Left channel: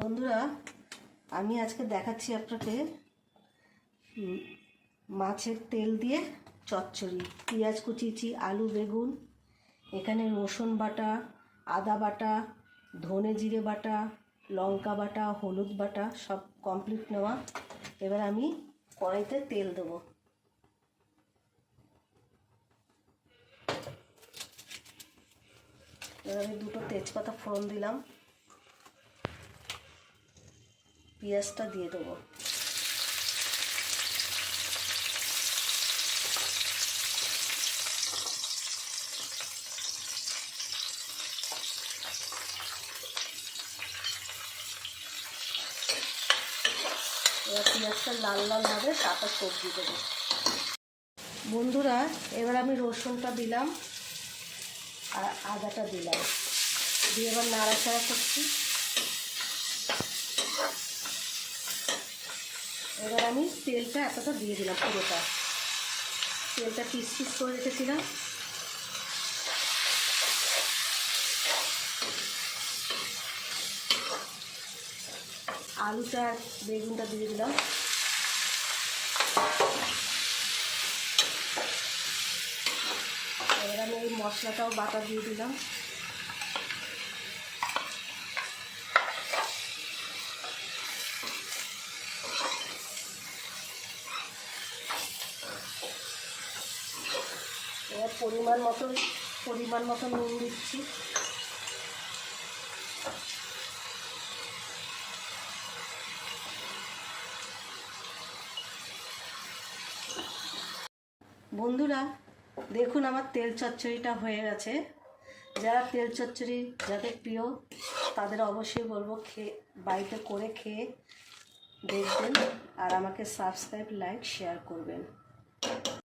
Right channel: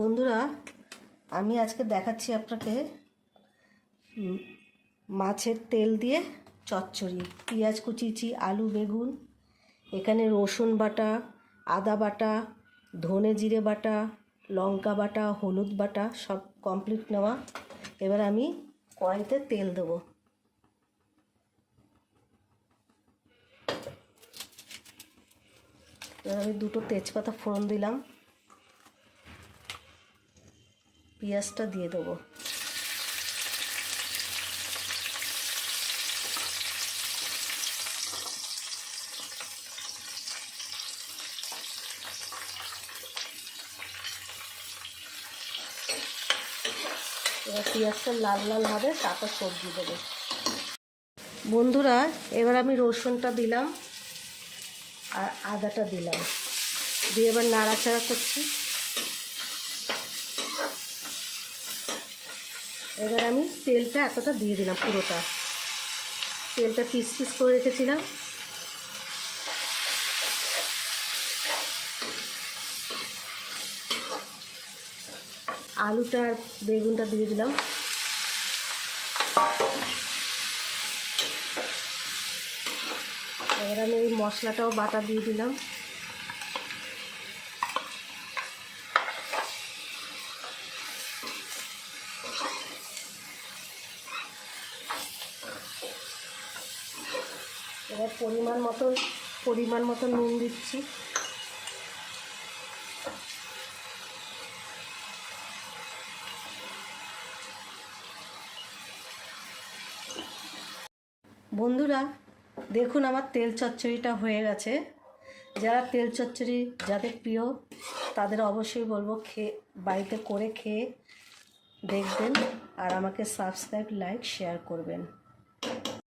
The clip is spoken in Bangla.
বন্ধুরা, আমি আজকে দেখাচ্ছি আপনাকে মাছের তেল দিয়ে চচ্চড়ি। পেঁয়াজ কুচিয়েছি, আলু বেগুন, এখানে রসুন বাটা, আদা বাটা, ধনে জিরে বাটা, লঙ্কা বাটা, হলুদ বাটা সব কমপ্লিট নেওয়া। এবার আমি কড়াইতে তেল দেবো। এবার আমি দুটো তেজপাতা ফোড়ন দিলাম, পেঁয়াজটা দিয়ে দেবো। এবার পেঁয়াজটা লাল লাল হবে, তারপর সবজি দেবো। বন্ধুরা, এবার আমি রসুনটা দিলাম আর আদাটা দিলাম, দিয়ে এবার নাড়াচাড়া করছি। এবার আমি তেলটা এতটা দিয়ে দিলাম, পুরোটা তেলটা পিস পিস করে রেখেছিলাম। আলুটা আর বেগুনটা দিয়ে দিলাম। এবার আমি এই মশলাটাও বাটা দিয়ে দিলাম। এবার পরিমাণ মতো নুন দিচ্ছি। বন্ধুরা, দেখুন আমার তেল চচ্চড়িটা হয়ে গেছে। যারা তেল চচ্চড়ি যাদের প্রিয় তাদের অবশ্যই বলবো বাড়িতে করে খেয়ে দেখবেন, আর আমাকে সাবস্ক্রাইব, লাইক, শেয়ার করবেন।